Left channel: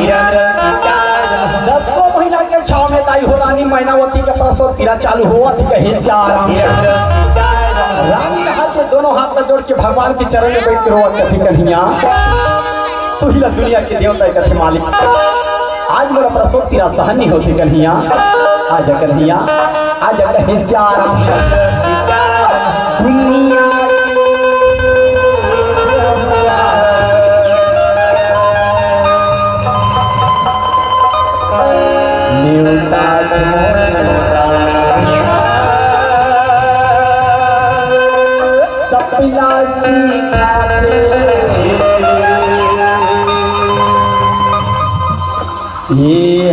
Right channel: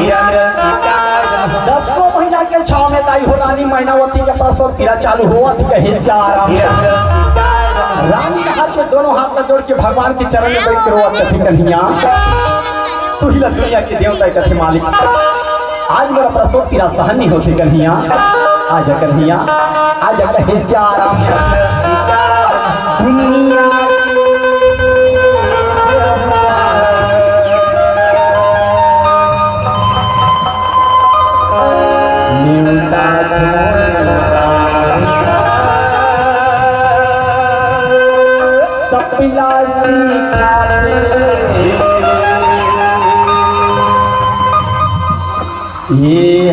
10 महीना के छाव में ताई हो रानी मैनावती के प्रसव पीड़ा चालू हुआ थी कहीं से आराम रानी के हाथ के दोनों हाथ में जोड़ के भगवान के चरण में बैठ कर रोआ कथी कन्हैया तू ही दुनिया के देवता कथी मालिक आज मेरा प्रसव पीड़ा सहन नहीं होती कन्हैया आजा कन्हैया आजा कहीं से आराम दुनिया ये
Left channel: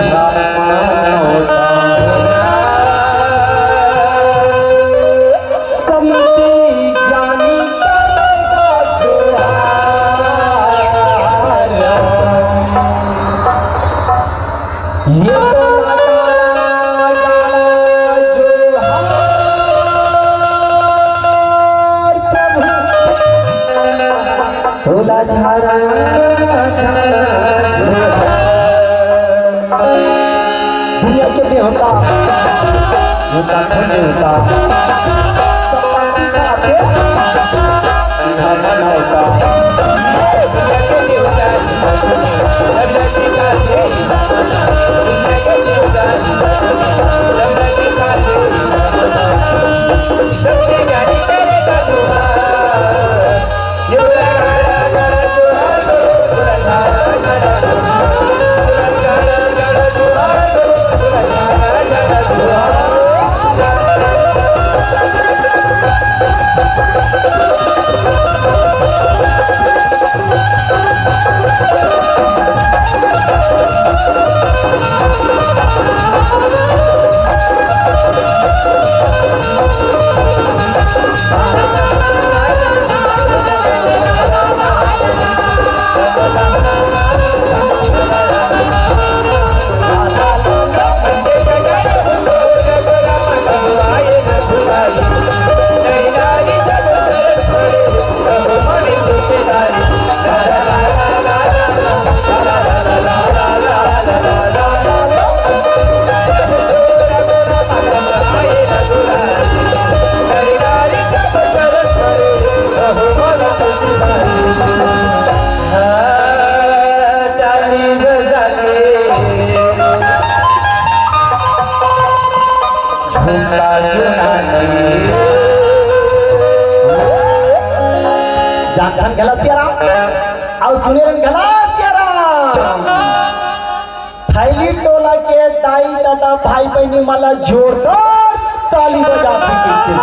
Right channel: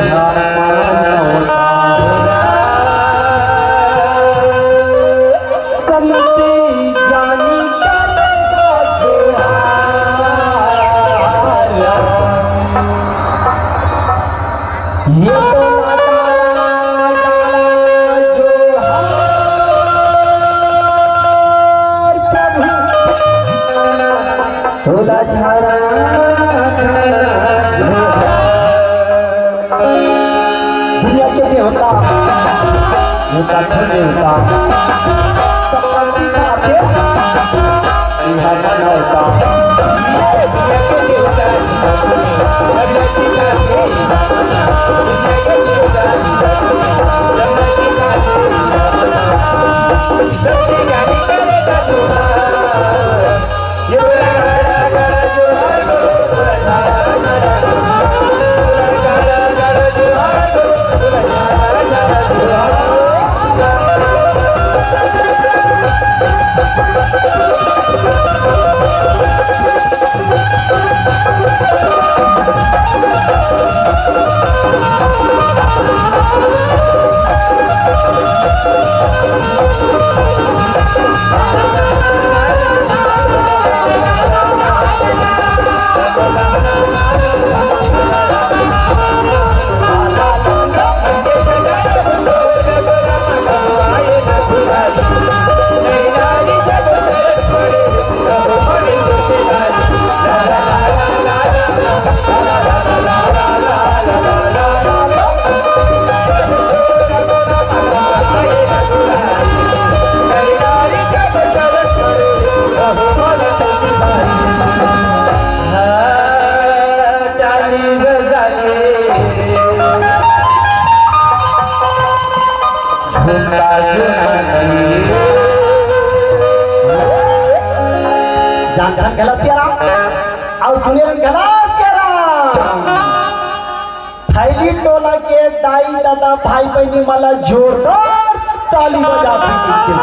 दुनिया के देवता होता देवता सबका सिखाते यह बनौता दुनिया के थैली टोला के दाई दादा भाई बहनी मला जोरदार ताली बजाती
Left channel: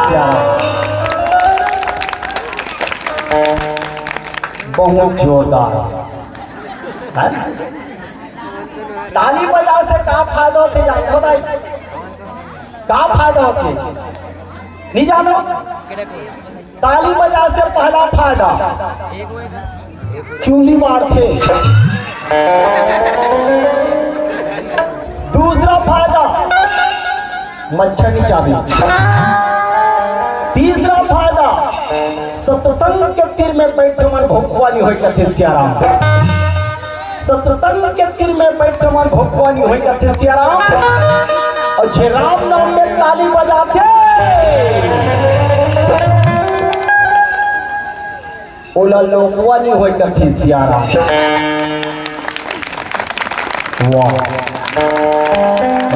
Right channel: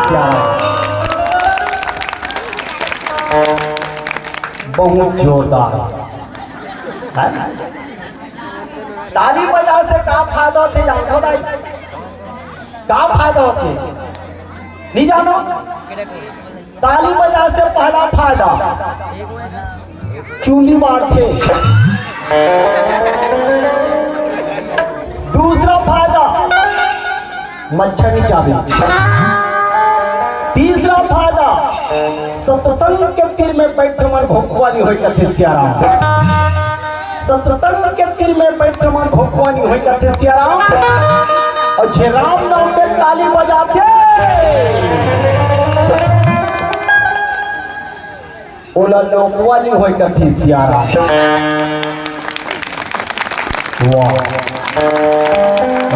बहुत जोरदार ताली बजा से का फायदा होते जानो भाई का फायदा होते नहीं जानो ताली बजा से पहला फायदा चूली मारते दूसरा फायदा मच्छर नहीं चाबी तीसरा फायदा सत्संग के तीर में बैठे मन भोगवानी हो सत्संग के तीर में बैठे मन भोगवानी हो और जे राम नाम में ताली बजाते ओला लोकवा नहीं होई कथी सियारा वाह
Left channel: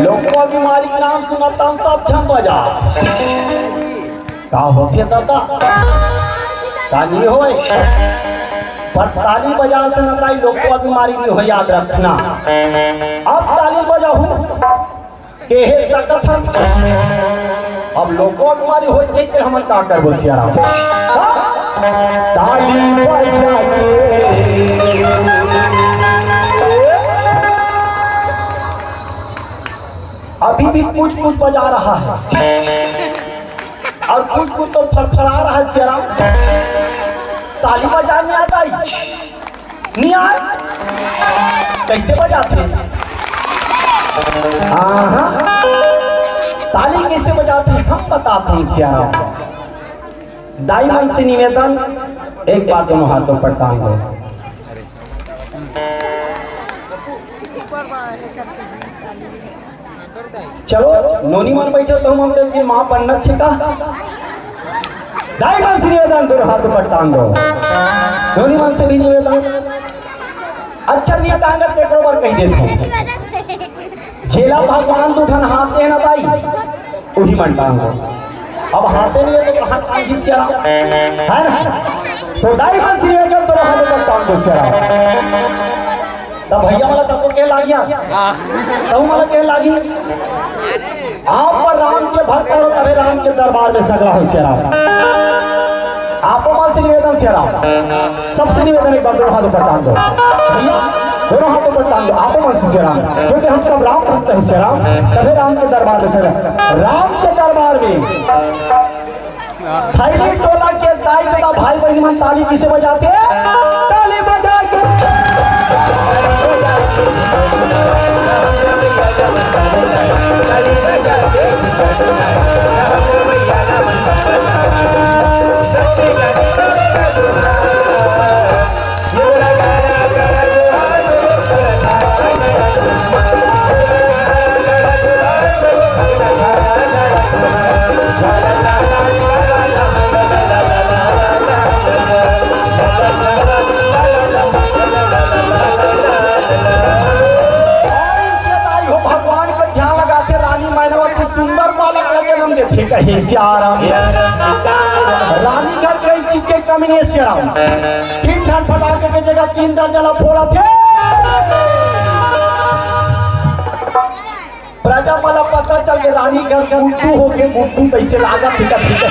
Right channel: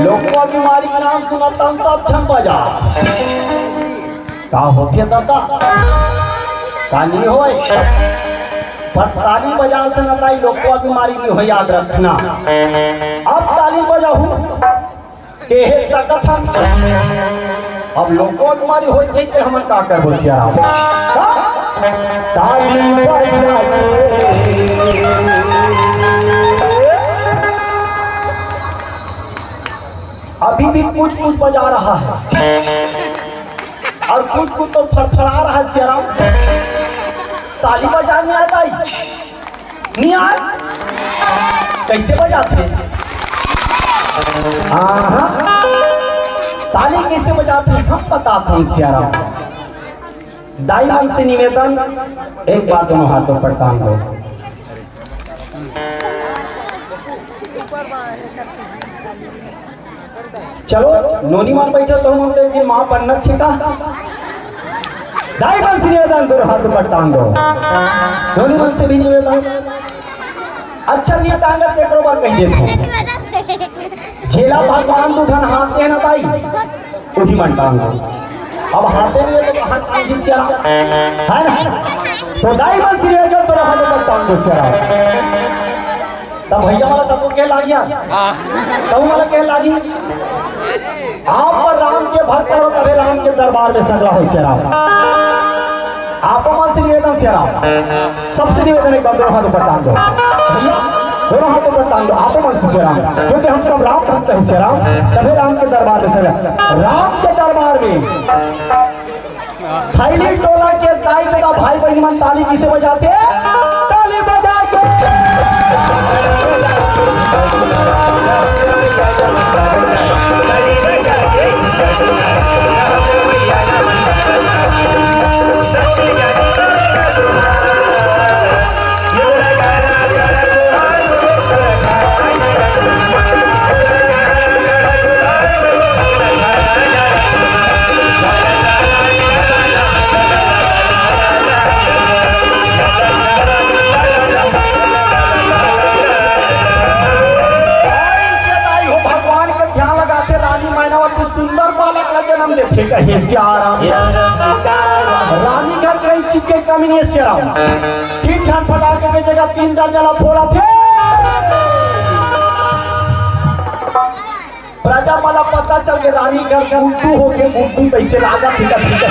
लोकवा बीमारी का नाम सुनता हम सब छम बजा का होते दादा ताली होए पर ताली बजा से न ताई लोकवा बीमारी नहीं हो याद रखना अब ताली बजाऊं के है सकत अब लोकवा बीमारी होई देख के हम का करबो सियारा ताली बजा अभी भी कुछ बजा रहा है और कुछ तो फड़फड़ा रहा है सियाराम ताली बजाने आता ही नहीं आज कैसे बजाते हाँ ताली कैसे बजाते हैं हम बताते हैं सियाराम दाई मन से निवेदन एक बार दोनों हाथों पर टांग दो चलो नोनी मान बैठो तो हम देखिए माँ पन्नत छिटा दाई मन से निवेदन दो हाथ पर टांग दो नोनी मन से भी निवेदन अच्छा ये टांगत के बरोबर कह देते जेला भगवान दुधन हाथे न दाई उही मन टांग दो अब हाथे लिए तो हाथ टांग क्या है ना तो दाई मन से निवेदन दो हाथ पर टांग दो से तब भैया वाला तब को क्या लागिया तब वाला क्या लागी आप पर राम के भक्त करो तभी राम के दरबार में सगला हो से राम आप से निवेदन से राम सबसे निवेदन एक बार हाथ ऊपर टांग दो भैया दोनों हाथों पर टांग दो आप से राम क्योंकि हम सब राम भक्त हैं से राम तभी राम के दरबार में सगला राम के दरबार में खैली टोला के दाई तथा भाई बहन मन ताली किसे बजाते ताली बजा के रानी घर कई चीज के कमी है श्याम तीन ठान फटाके की जगह 3 दाल जला फोड़ा थे प्रजा वाला पता चल गया रानी घर का उल्टू हो के गुड्डू कैसे राजा फीका फीका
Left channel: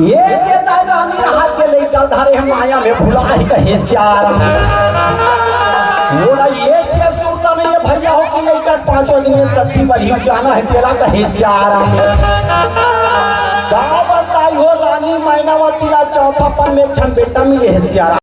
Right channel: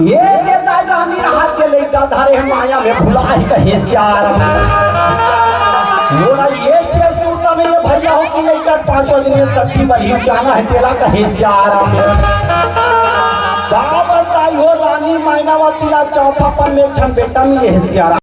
ये रानी हाथ के लेकर धारे हम आया में भुला ही कहे श्याम बोला ये चीज सोचता में ये भैया हो कि लेकर 5 दिन में सब्जी बनी जाना है तेरा कहे श्याम गाँव बसाई हो रानी मैनावती चौथा पर में बेटा मिले श्याम